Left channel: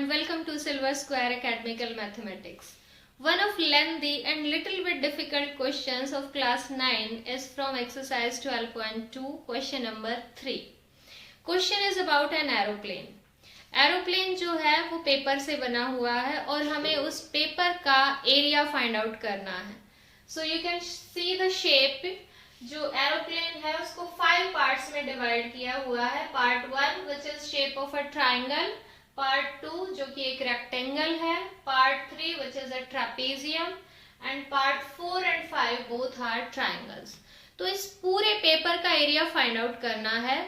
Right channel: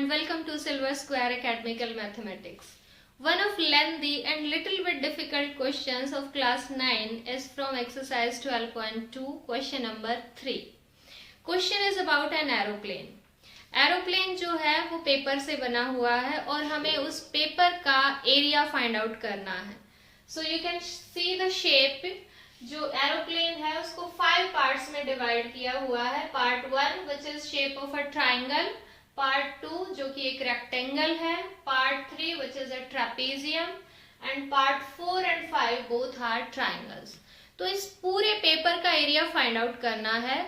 and welcome to Silver Square Academical Mathematics. One of lengthy and little bit difficult questions of class 9 is from exercise 12.2 question number 3. Question is about an aeroplane. Aeroplane जो है वो paper से बना हुआ है और हमें उस पेपर का एरिया फाइंड आउट करना है. So you can see the shape. जो एरोप्लेन है उसको 5 पार्ट्स में डिवाइड किया हुआ है. Part 1 which is shape of a triangle, part 2 जो कि एक रेक्टेंगल है, part 3 which is a trapezium and part 4 and 5 both are triangles. तो इस पूरे पेपर का एरिया फाइंड आउट करना है.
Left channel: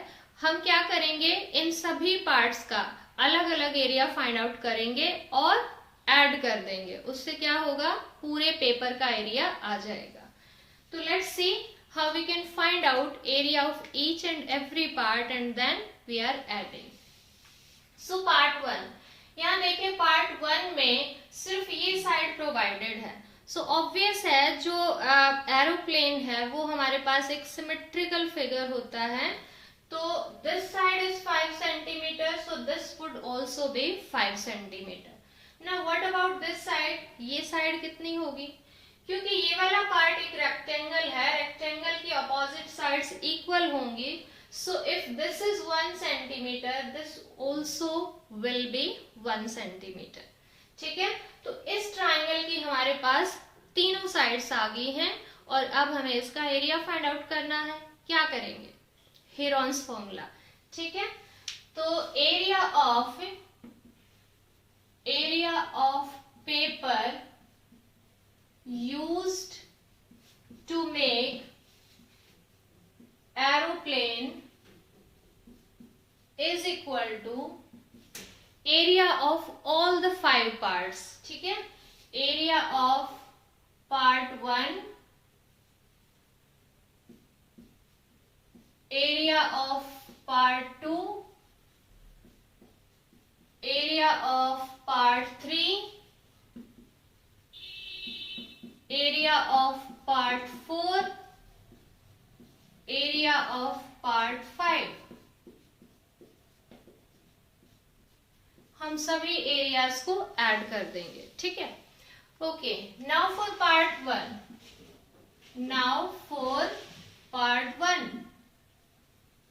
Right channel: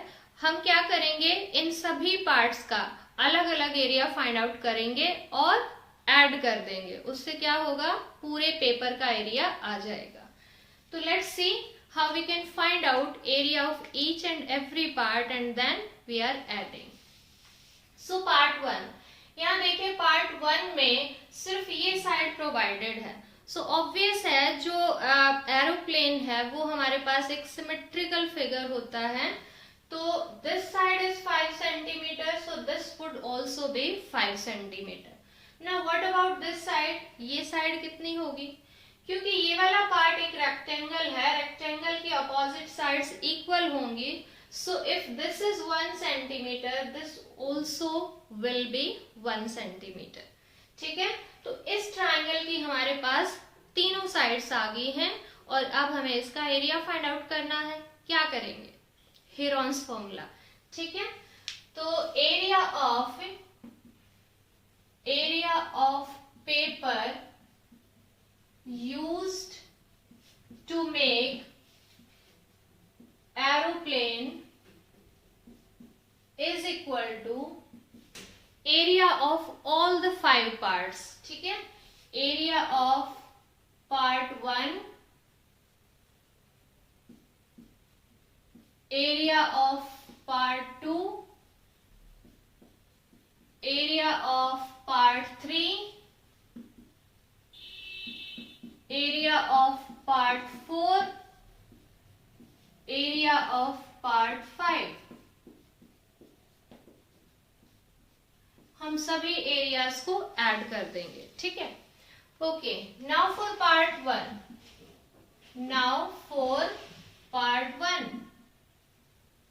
हम क्या करेंगे, इन सभी पार्ट्स का अलग अलग एरिया फाइंड आउट करेंगे और ऐड कर देंगे. उससे क्या होगा, पूरे पेपर का एरिया आ जाएगा. तो let's see how we can find out area of each and every part and then we are adding. So part 1, यहाँ देखिए पार्ट 1 में सिर्फ ये साइड प्रोवाइडेड है. सो ऑब्वियस है जो एरोप्लेन है वो हमारे पास एक सिमेट्रिकल फिगर होता है. तो this side is 5 centimeter, so this would also be 5 centimeter. Now what about this side? ये साइड कितनी होगी, क्योंकि ये वाला पार्ट एक रेक्टेंगल है, रेक्टेंगल की अपोजिट साइड्स इक्वल होंगी. So if this is 1 centimeter, this also will be 1 centimeter. ठीक है, तो इस ट्राइंगल की हमारे पास तीनों साइड्स आ गई हैं और अब हमें इसका एरिया फाइंड आउट करना है. क्या करेंगे, हेरॉन्स फॉर्मूला. ठीक है, तो area of paper used to make aeroplane is equal to area of all the 5 parts. ठीक है, area of part 1, area of part 2, area of part 3, area of part 4, area of part 5. हम सभी areas को add कर देंगे. ठीक है, okay. Now for part 1,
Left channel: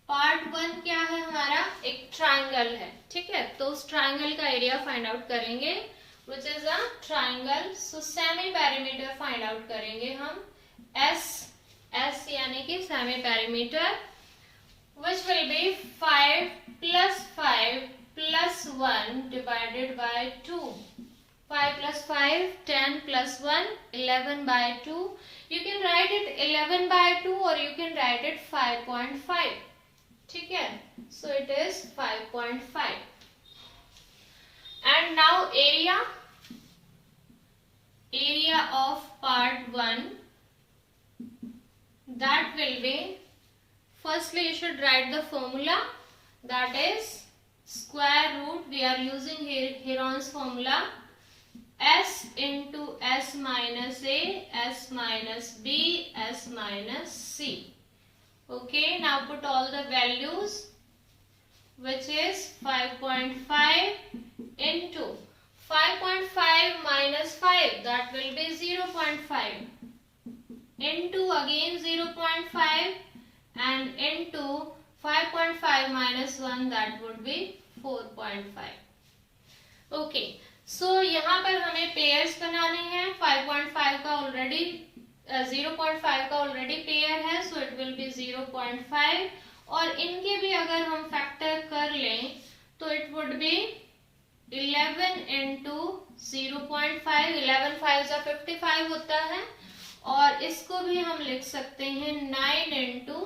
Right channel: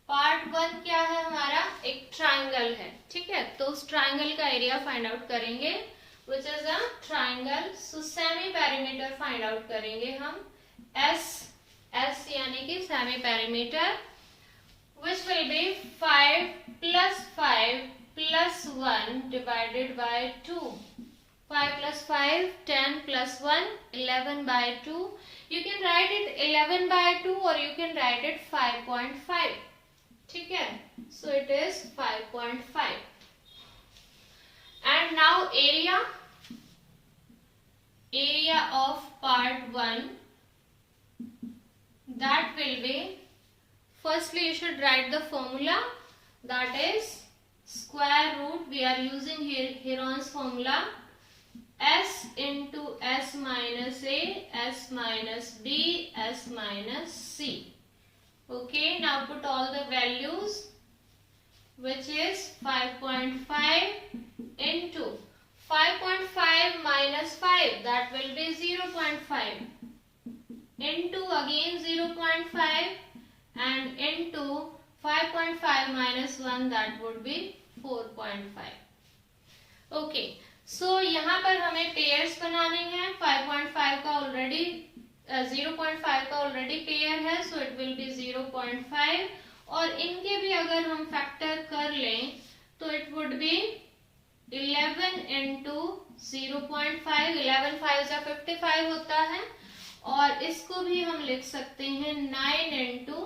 part 1 क्या है हमारा, एक ट्राइंगल है. ठीक है, तो उस ट्राइंगल का एरिया फाइंड आउट करेंगे विच is a triangle. So semi perimeter find out करेंगे हम. एस यानी कि semi perimeter which will B 5 plus 5 plus 1 divided by 2. 5 plus 5, 10 plus 1, 11 by 2. You can write it 11 by 2 or you can write it 5.5. ठीक है, so it is 5.5. and now area of part 1, that will be, firstly you should write the formula, that is square root. We are using here Heron's formula, s into s minus a, s minus b, s minus c. Okay, now put all the values, which is 5.5 into 5.5 minus 5, that will be 0.5, into again 0.5 and into 5.5 minus 1, that would be 4.5. Okay, so यहाँ पर हमें pairs बनाने हैं. 5.5 का already 0.5 का already pair है, सो it will B 0.5 और इनके भी अगर हम फैक्टर कर लें तो इट वुड बी 11 into 0.5. 11 5 जा 55 होता है और इसको भी हम लिख सकते हैं 9 into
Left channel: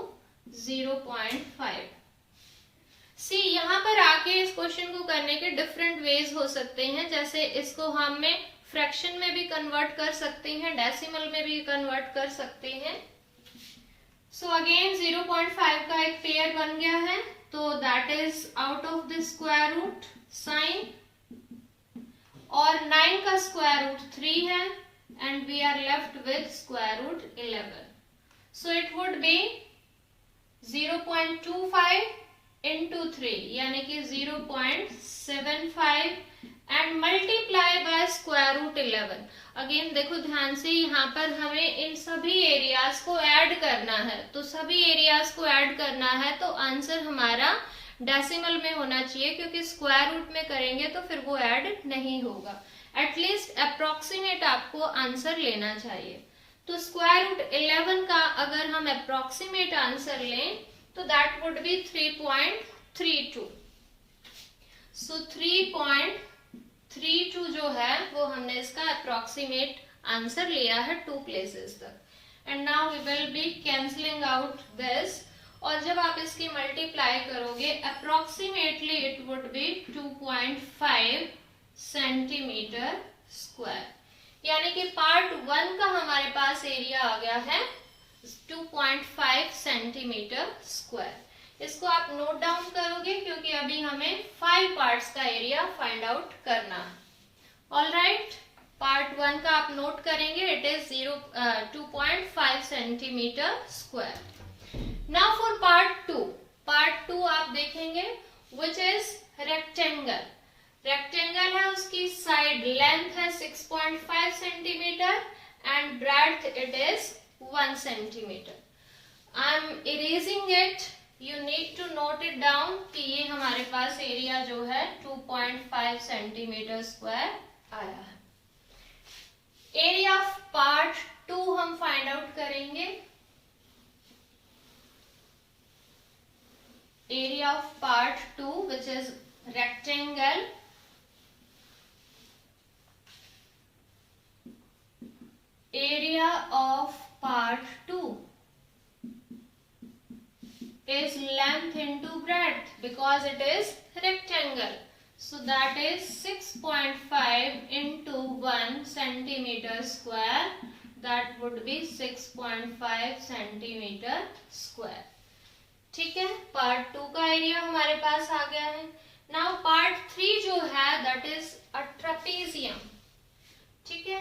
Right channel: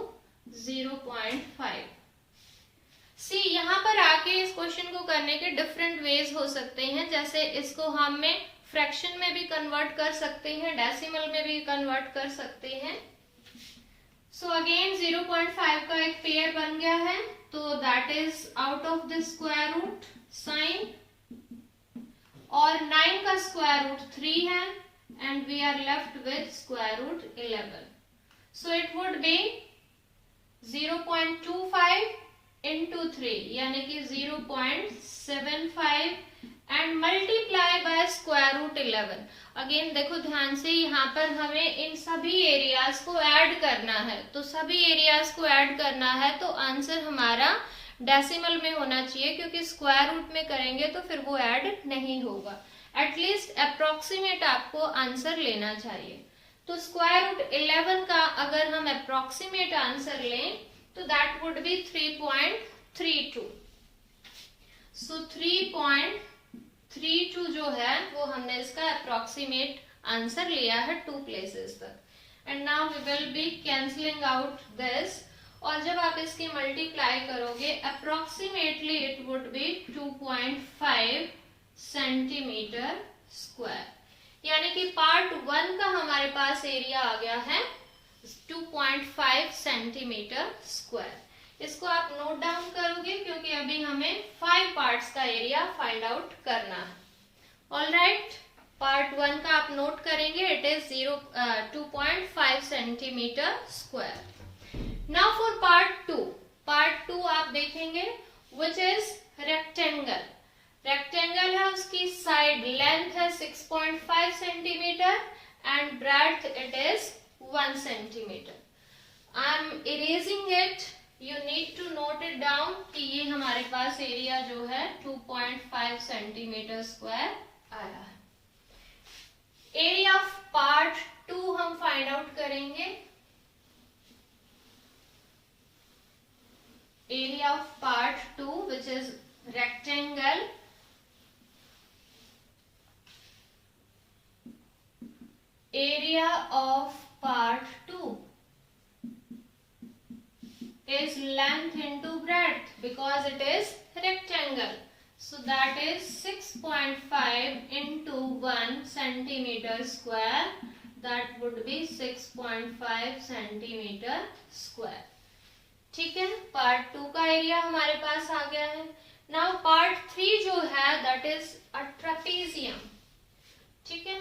0.5. सी यहाँ पर आके इस क्वेश्चन को करने के डिफरेंट वेज हो सकते हैं. जैसे इसको हमें फ्रैक्शन में भी कन्वर्ट कर सकते हैं, डेसिमल में भी कन्वर्ट कर सकते हैं. सो अगेन 0.5 का एक पेयर बन गया है, तो that is out of the square root sign, और 9 का स्क्वायर रूट 3 है and we are left with square root 11. So it would be 0.25 into 3 यानी कि 0.75 and multiply by square root 11। Again देखो ध्यान से, यहाँ पर हमें इन सभी एरियाज को ऐड करना है, तो सभी एरियाज को ऐड करना है तो आंसर हमारा डेसिमल में होना चाहिए, क्योंकि स्क्वायर रूट में करेंगे तो फिर वो ऐड नहीं होगा। एटलीस्ट अप्रोक्सीमेट आपको आंसर लेना चाहिए। तो स्क्वायर रूट 11 का अगर हम अप्रोक्सीमेट आंसर लें तो दैट वुड बी 3.32। सो 3.32 जो है वो हमने इसका अप्रोक्सीमेट आंसर लिया है 2 प्लेसेस तक। And now we will be cancelling out this, और जब आप इसकी मल्टीप्लाई करोगे approximately it would be 2.5 centimetre square. यानी कि पार्ट 1 का हमारे पास एरिया आ गया है 2.5 सेंटीमीटर स्क्वायर। इसको आप नोट डाउन करोगे क्योंकि अभी हमें 5 पार्ट्स का एरिया फाइंड आउट करना है। ऑलराइट, पार्ट 1 का आप नोट करेंगे, it is 2.5 centimetre square. Now for part 2, part 2 आप देखेंगे विच इज रेक्टेंगल। रेक्टेंगल है, उसकी साइड लेंथ है 6.5 centimetre and breadth it is 1 centimetre. I am erasing it, you need to note it down कि ये हमारे पास area जो है 2.5 सेंटीमीटर स्क्वायर आया है। एरिया ऑफ पार्ट 2 हम फाइंड आउट करेंगे। Area of part 2 which is rectangle, area of part 2 is length into breadth because it is rectangle. So that is 6.5 into 1 centimeter square, that would be 6.5 centimeter square। ठीक है, part 2 का area हमारे पास आ गया है। Now part 3 जो है that is a trapezium. ठीक है,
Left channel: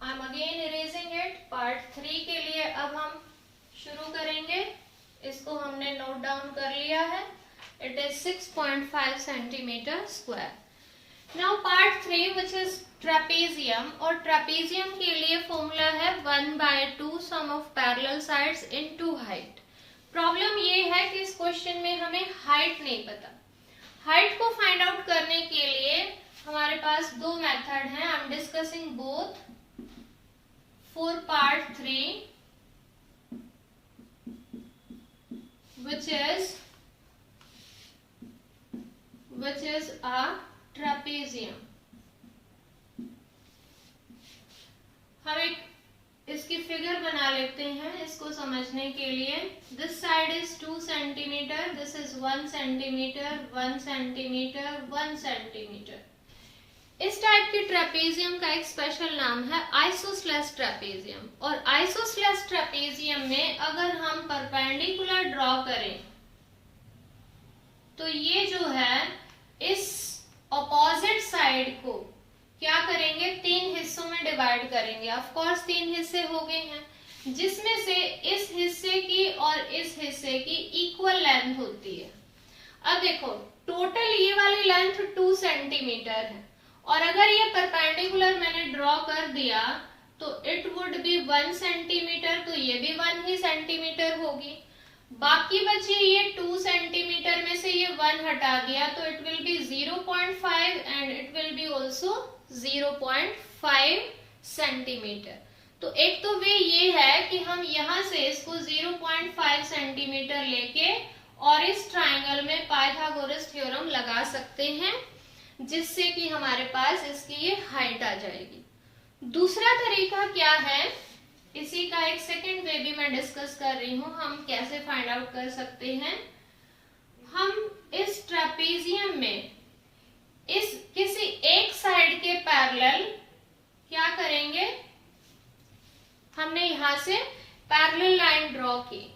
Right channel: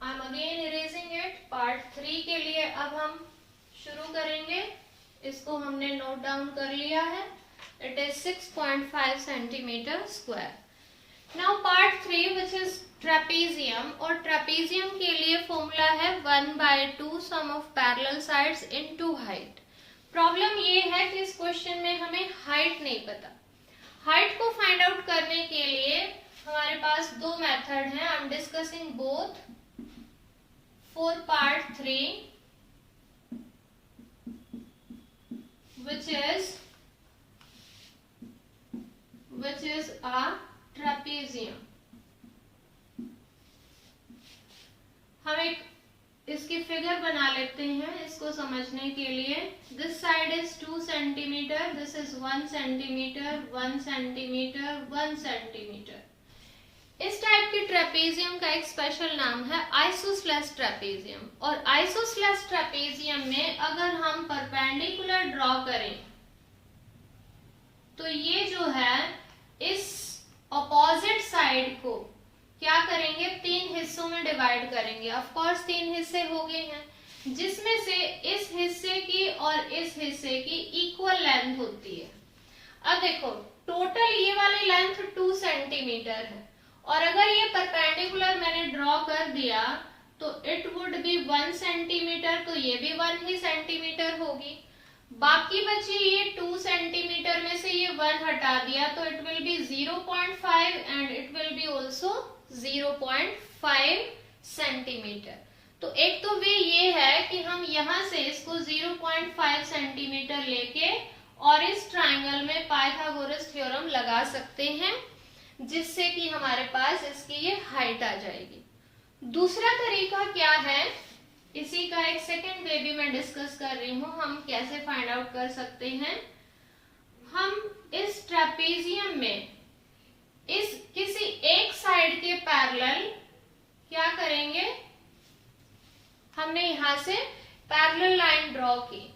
I am again erasing it. Part 3 के लिए अब हम शुरू करेंगे, इसको हमने नोट डाउन कर लिया है, it is 6.5 centimetre square. Now part 3 which is trapezium, और ट्रेपेजियम के लिए फॉर्मूला है 1/2 sum of parallel sides into height. Problem ये है कि इस क्वेश्चन में हमें हाइट नहीं पता। हाइट को फाइंड आउट करने के लिए हमारे पास 2 मेथड हैं, I am discussing both. For part 3 which is a trapezium। हम एक इसकी फिगर बना लेते हैं इसको समझने के लिए। This side is 2 centimetre, this is 1 centimetre, 1 centimetre, 1 centimetre. इस टाइप के ट्रेपेजियम का एक स्पेशल नाम है आइसोस्लेस ट्रेपेजियम। और आइसोस्लेस ट्रेपेजियम में अगर हम परपेंडिकुलर ड्रॉ करें तो ये जो है इस अपोजिट साइड को क्या करेंगे, 3 हिस्सों में डिवाइड करेंगे। ऑफ कोर्स 3 हिस्से हो गए हैं, जिसमें से इस हिस्से की और इस हिस्से की इक्वल लेंथ होती है। अब देखो टोटल ये वाली लेंथ 2 सेंटीमीटर है, और अगर ये परपेंडिकुलर मैंने ड्रॉ कर दिया तो इट वुड बी 1 सेंटीमीटर, तो ये भी 1 ही सेंटीमीटर होगी। बाकी बचे ये 2 सेंटीमीटर में से ये 1 हटा दिया तो it will B 0.5 and it will B also 0.5 centimetre. तो एक तो वे ये है कि हम यहाँ से इसको 0.5 सेंटीमीटर लेके और इस ट्राइंगल में पाइथागोरस थ्योरम लगा सकते हैं, जिससे कि हमारे पास इसकी ये हाइट आ जाएगी। दूसरा तरीका क्या है, इसी का एक सेकेंड वे भी मैं डिस्कस कर रही हूं, हम कैसे फाइंड आउट कर सकते हैं। हम इस ट्रेपेजियम में इस किसी एक साइड के पैरेलल क्या करेंगे, हमने यहां से पैरेलल लाइन ड्रॉ की।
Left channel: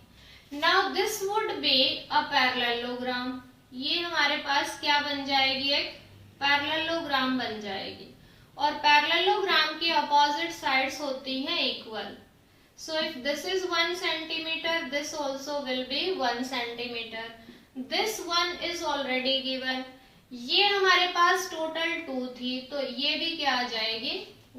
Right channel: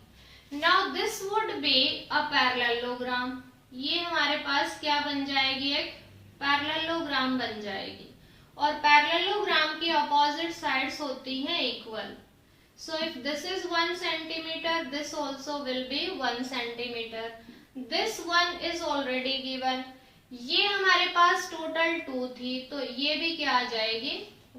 Now this would be a parallelogram. ये हमारे पास क्या बन जाएगी, एक पैरेललोग्राम बन जाएगी, और पैरेललोग्राम की अपोजिट साइड्स होती हैं equal. So if this is 1 centimetre, this also will be 1 centimetre. This 1 is already given. ये हमारे पास टोटल 2 थी तो ये भी क्या आ जाएगी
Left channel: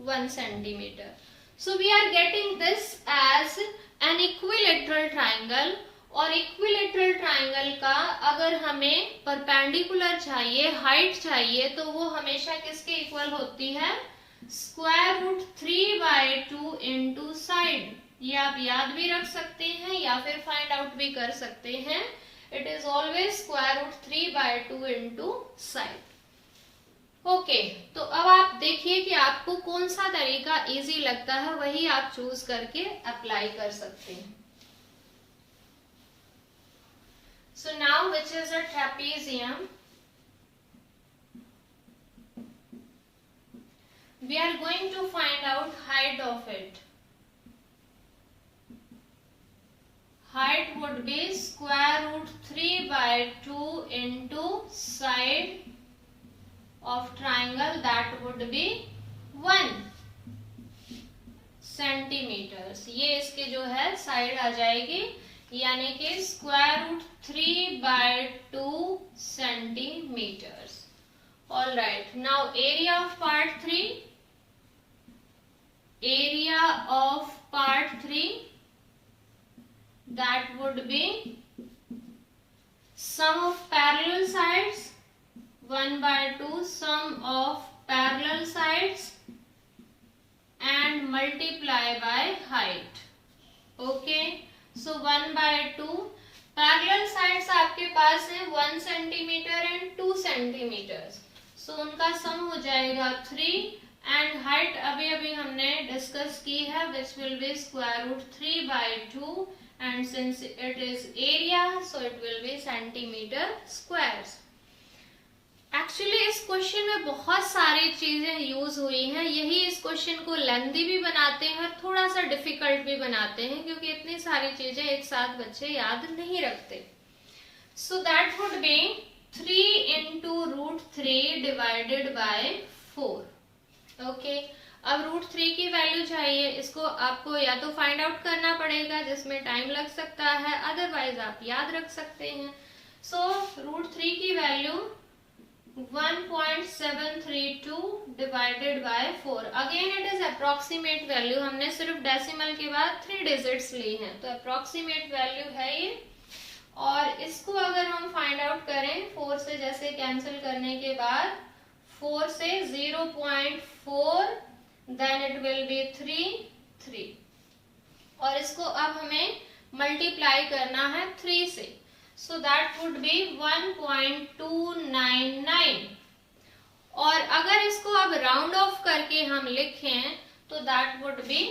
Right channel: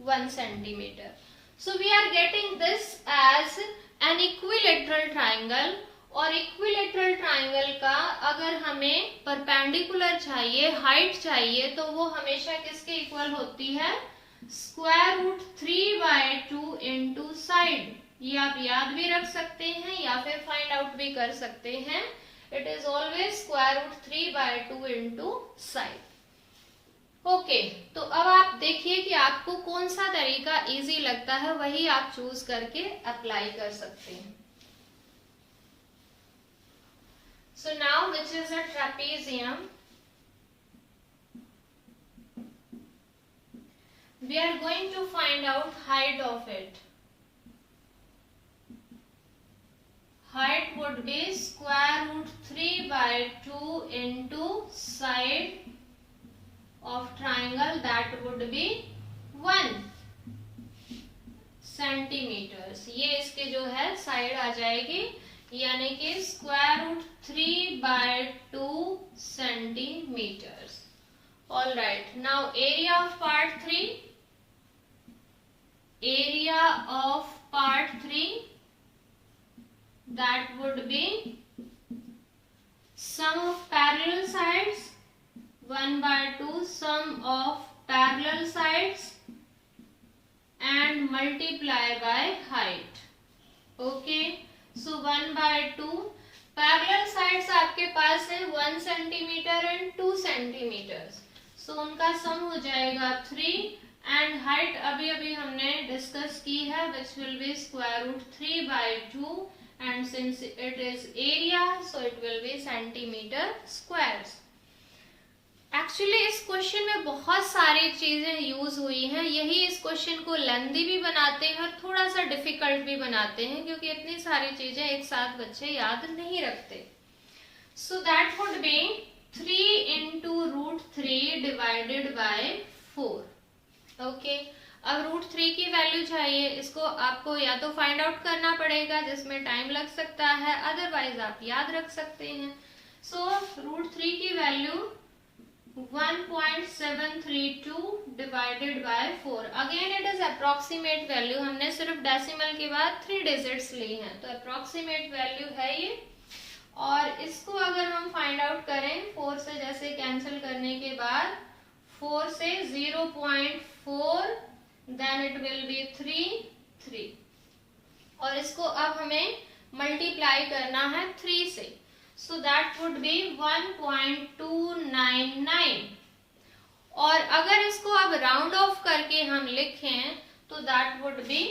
1 centimetre. So we are getting this as an equilateral triangle. और इक्विलेटरल ट्राइंगल का अगर हमें परपेंडिकुलर चाहिए, हाइट चाहिए, तो वो हमेशा किसके इक्वल होती है, स्क्वायर रूट 3/2 इंटू साइड. ये आप याद भी रख सकते हैं या फिर फाइंड आउट भी कर सकते हैं. It is always square root 3/2 into side. Okay, तो अब आप देखिए कि आपको कौन सा तरीका इजी लगता है, वही आप चूज करके अप्लाई कर सकते हैं. So now which is a trapezium, we are going to find out height of it. Height would be square root 3/2 into side of triangle, that would be 1 centimeters. ये इसके जो है साइड आ जाएगी, यानी कि square root 3/2 centimeters. All right, now area of part 3. Area of part 3, that would be sum of parallel sides 1/2 sum of parallel sides and multiply by height. Okay, so 1/2 parallel sides आपके पास है 1 centimetre and 2 centimetre. सो उनका सम हो जाएगा 3 and height अभी अभी हमने discuss की है which will be square root 3/2 and since it is area so it will be centimetre squares. Actually इस क्वेश्चन में बहुत सारी चीजें यूज हुई हैं, यही इस क्वेश्चन को लेंथी भी बनाते हैं और थोड़ा सा डिफिकल्ट भी बनाते हैं, क्योंकि इतनी सारी चीजें एक साथ बच्चे याद नहीं रखते. So that would B 3 into root 3 divided by 4. Okay, अब रूट 3 की वैल्यू चाहिए, इसको आपको या तो फाइंड आउट करना पड़ेगा जिसमें टाइम लग सकता है, अदरवाइज आप याद रख सकते हैं. सो रूट 3 की value 1.732 divided by 4. Again it is approximate value, हमने सिर्फ डेसिमल के बाद 3 डिजिट्स ली हैं, तो अप्रोक्सीमेट वैल्यू है ये. और इसको अगर हम फाइंड आउट करें 4 से, जैसे कैंसिल करने के बाद 4 से 0.4 देन इट विल बी 3. और इसको अब हमें मल्टीप्लाई करना है 3 से, सो दैट वुड बी 1.299. और अगर इसको अब राउंड ऑफ करके हम लिखें तो that would be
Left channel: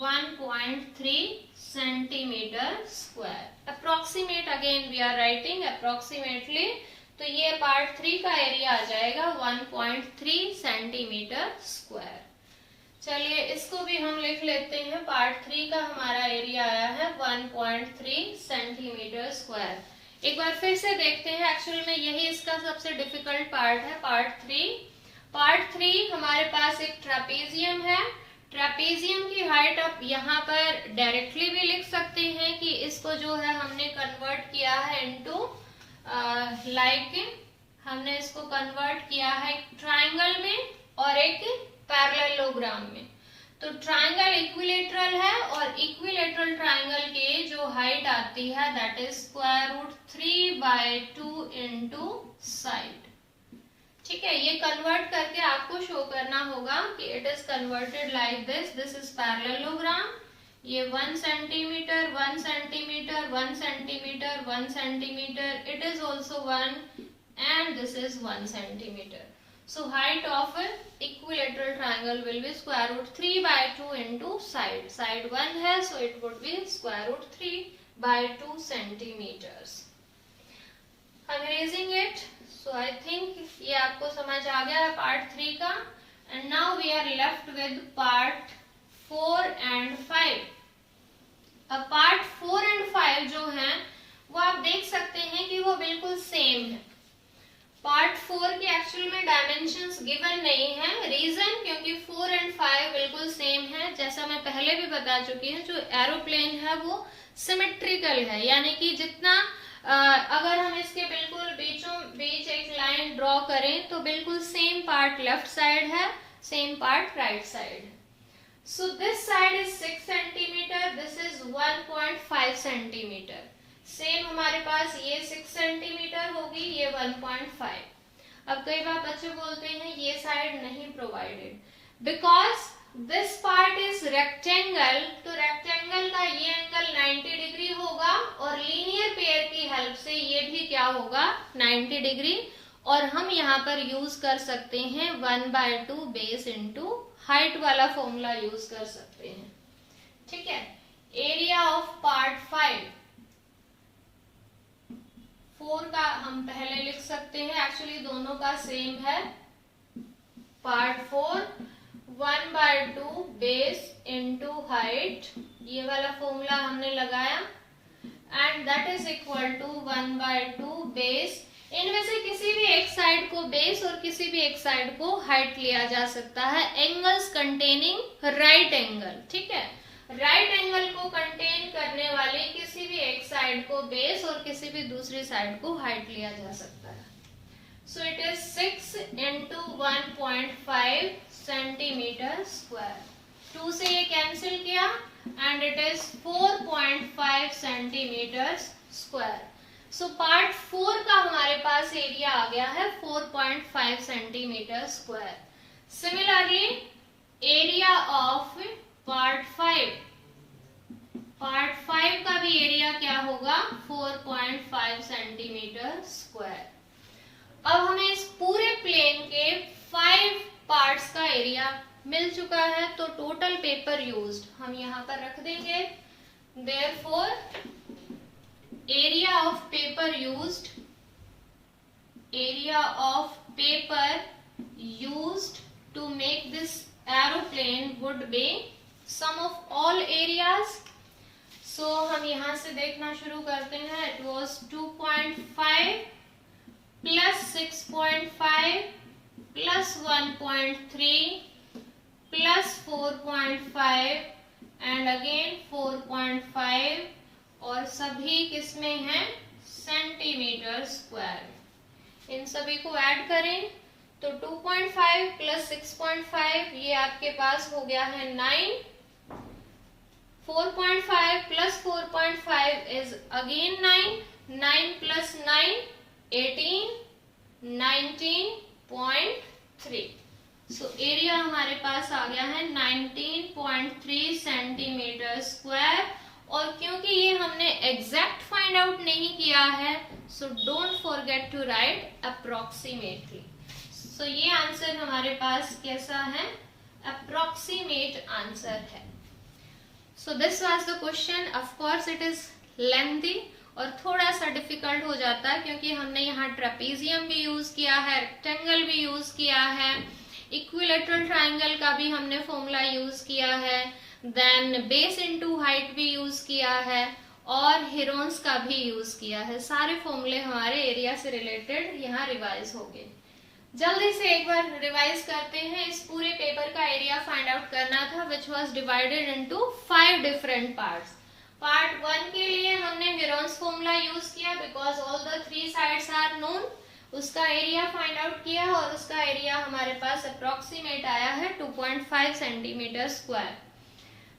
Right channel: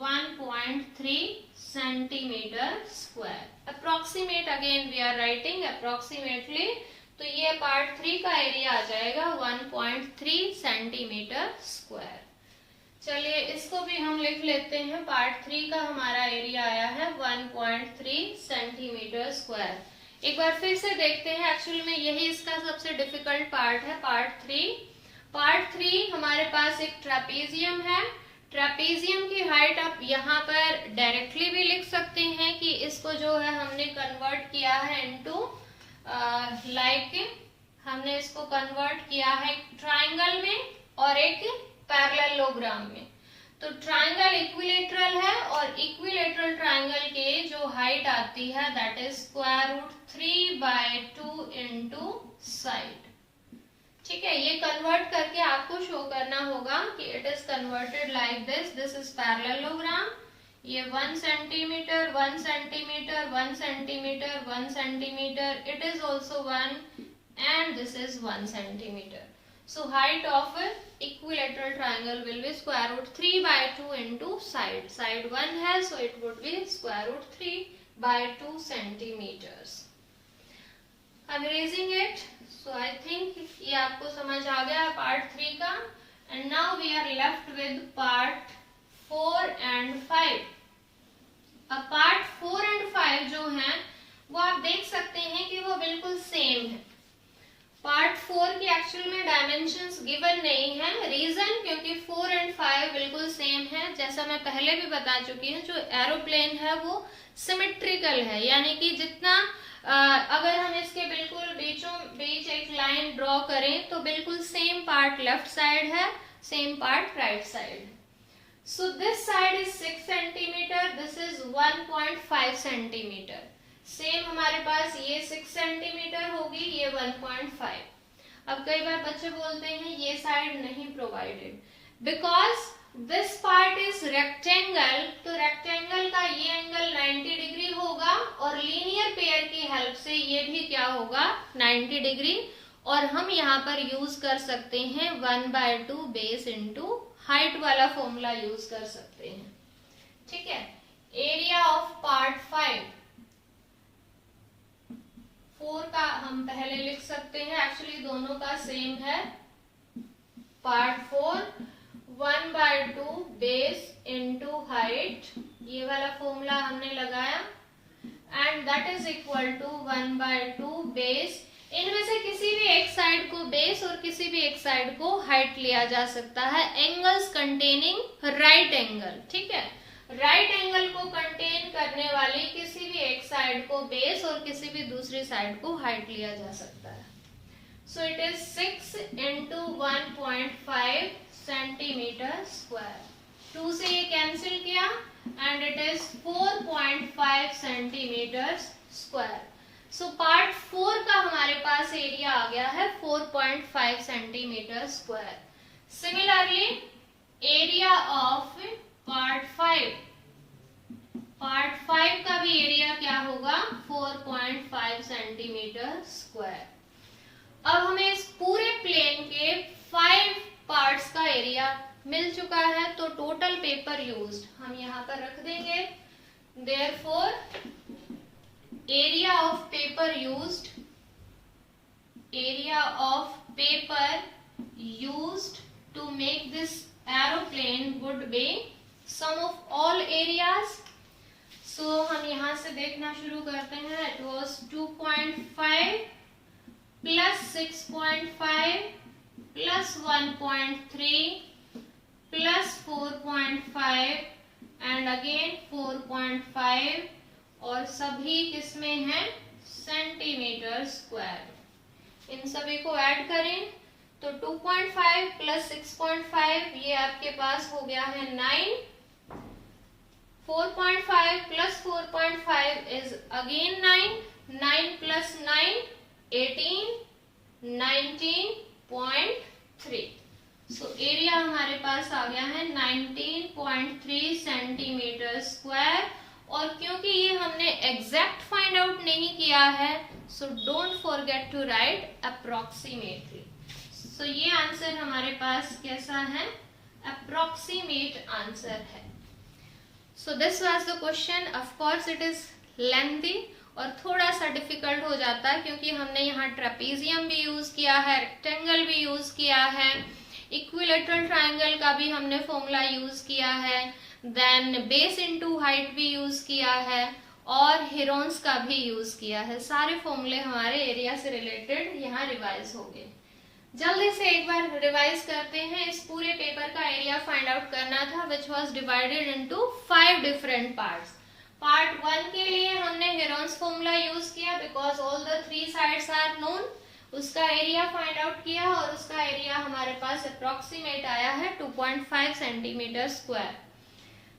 1.3 centimetre square. Approximate, again we are writing approximately, तो ये पार्ट 3 का एरिया आ जाएगा 1.3 सेंटीमीटर स्क्वायर. चलिए इसको भी हम लिख लेते हैं. पार्ट 3 का हमारा एरिया आया है 1.3 सेंटीमीटर स्क्वायर. एक बार फिर से देखते हैं, एक्चुअली में यही इसका सबसे डिफिकल्ट पार्ट है, पार्ट 3. पार्ट 3 हमारे पास एक ट्रेपेजियम है. ट्रेपेजियम की हाइट आप यहाँ पर डायरेक्टली भी लिख सकते हैं कि इसको जो है हमने कन्वर्ट किया है इनटू हमने इसको कन्वर्ट किया है एक ट्राइंगल में और एक पैरेललोग्राम में. तो ट्राइंगल इक्विलेटरल है और इक्विलेटरल ट्राइंगल के जो हाइट आती है that is square root 3/2 into side. ठीक है, ये कन्वर्ट करके आपको शो करना होगा कि it is converted like this. This is parallelogram. ये 1 centimetre 1 centimetre 1 centimetre 1 centimetre, it is also 1 and this is 1 centimetre. So height of equilateral triangle will be square root 3/2 into side. Side 1 है, so it would be square root 3/2 centimeters. I'm erasing it. So I think ये आपको समझ आ गया है part 3 का. And now we are left with part 4 and 5. अब part 4 and 5 जो हैं वो आप देख सकते हैं कि वो बिल्कुल सेम है. पार्ट 4 की एक्चुअल में डायमेंशंस गिवन नहीं है. रीजन क्योंकि 4 एंड 5 बिल्कुल सेम है. जैसा मैं पहले भी बता चुकी हूँ, जो एरोप्लेन है वो सिमेट्रिकल है, यानी कि जितना अगर हम इसके बिल्कुल बीचों बीच एक लाइन ड्रॉ करें तो बिल्कुल सेम पार्ट लेफ्ट साइड है, सेम पार्ट राइट साइड है. So this side is 6 centimetre, this is 1.5 centimetre. Same हमारे पास ये 6 सेंटीमीटर होगी, ये 1.5. अब कई बार बच्चे बोलते हैं ये साइड नहीं provided because this part is rectangle. तो रेक्टेंगल का ये एंगल 90 डिग्री होगा और लीनियर पेयर की हेल्प से ये भी क्या होगा 90 डिग्री. और हम यहाँ पर यूज कर सकते हैं 1/2 बेस इंटू हाइट वाला फॉर्मूला यूज कर सकते हैं. ठीक है. एरिया ऑफ पार्ट 4 का हम पहले लिख सकते हैं, एक्चुअली दोनों का सेम है. पार्ट 4 1/2 बेस इंटू हाइट, ये वाला फॉर्मूला हमने लगाया, and that is equal to 1/2 base. इनमें से किसी भी एक साइड को बेस और किसी भी एक साइड को हाइट लिया जा सकता है. Angles containing right angle. ठीक है. राइट एंगल को कंटेन करने वाली किसी भी एक साइड को बेस और किसी भी दूसरी साइड को हाइट लिया जा सकता है. So it is 6 into 1.5 centimetre square. 2 से ये कैंसिल किया and it is 4.5 centimetre square. So part 4 का हमारे पास एरिया आ गया है 4.5 centimetre square. Similarly area of part 5 का भी एरिया क्या होगा 4.5 सेंटीमीटर स्क्वायर. अब हमें इस पूरे प्लेन के 5 पार्ट्स का एरिया मिल चुका है. तो टोटल पेपर यूज्ड हम यहाँ पर रख देंगे. Therefore area of paper used to make this aeroplane would be sum of all areas. So हम यहाँ से देखना शुरू करते हैं. It was 2.5 plus 6.5 plus 1.3 plus 4.5 and again 4.5 और सभी किसमें हैं सेंटीमीटर स्क्वायर. इन सभी को ऐड करें तो 2.5 प्लस 6.5 ये आपके पास हो गया है 9. 4.5 plus 4.5 is again 9. 9 plus 9 18. 19.3. So area हमारे पास आ गया है 19.3 सेंटीमीटर स्क्वायर. और क्योंकि ये हमने एग्जैक्ट फाइंड आउट नहीं किया है so don't forget to write approximately. So ये आंसर हमारे पास कैसा है अप्रोक्सीमेट आंसर है. So this was the question. Of course it is lengthy और थोड़ा सा डिफिकल्ट हो जाता है क्योंकि हमने यहाँ ट्रेपीजियम भी यूज किया है, रेक्टेंगल भी यूज किया है, इक्विलेटरल ट्राइंगल का भी हमने फॉर्मूला यूज किया है, देन बेस इनटू हाइट भी यूज किया है और हेरोन्स का भी यूज किया है. सारे फॉर्मूले हमारे एरिया से रिलेटेड यहाँ रिवाइज हो गए. जल्दी से एक बार रिवाइज करते हैं. इस पूरे पेपर का एरिया फाइंड आउट करना था which was divided into 5 different parts. Part 1 के लिए हमने हेरोन्स फॉर्मूला यूज किया because all the 3 sides are known. उसका एरिया फाइंड आउट किया और उसका एरिया हमारे पास अप्रोक्सीमेट आया है 2.5 centimetre square.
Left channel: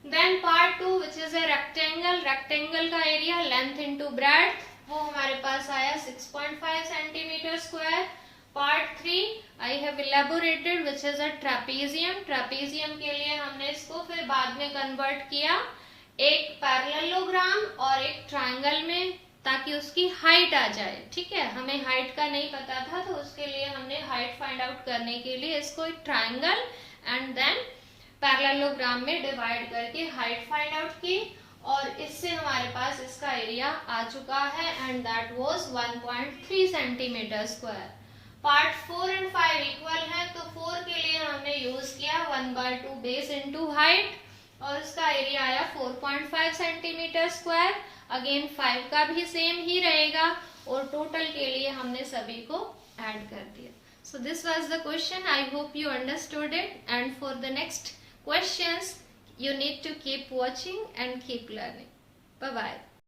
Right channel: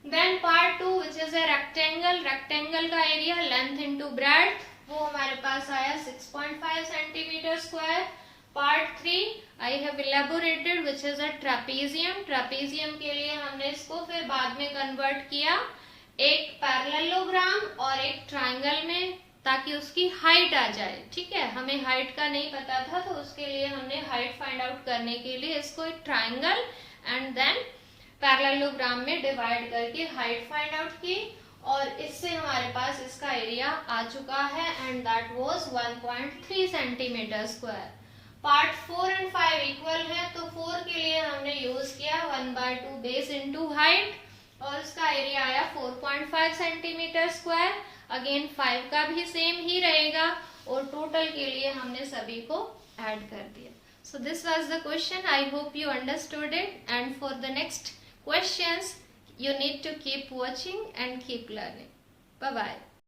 Then part 2 which is a rectangle. Rectangle का एरिया लेंथ इंटू ब्रेड्थ वो हमारे पास आया 6.5 centimetre square. Part 3 I have elaborated which is a trapezium. Trapezium के लिए हमने इसको फिर बाद में कन्वर्ट किया एक पैरेललोग्राम और एक ट्राइंगल में ताकि उसकी हाइट आ जाए. ठीक है. हमें हाइट का नहीं पता था तो उसके लिए हमने हाइट फाइंड आउट करने के लिए इसको एक ट्राइंगल एंड देन पैरेललोग्राम में डिवाइड करके हाइट फाइंड आउट की और इससे हमारे पास इसका एरिया आ चुका है and that was 1.3 centimetre square. Part 4 and 5 equal है तो 4 के लिए हमने यूज किया 1/2 बेस इनटू हाइट और उसका एरिया आया 4.5 सेंटीमीटर स्क्वायर. अगेन 5 का भी सेम ही रहेगा और टोटल के लिए हमने सभी को ऐड कर दिया. So this was the question. I hope you understood it, and for the next questions you need to keep watching and keep learning. Bye bye.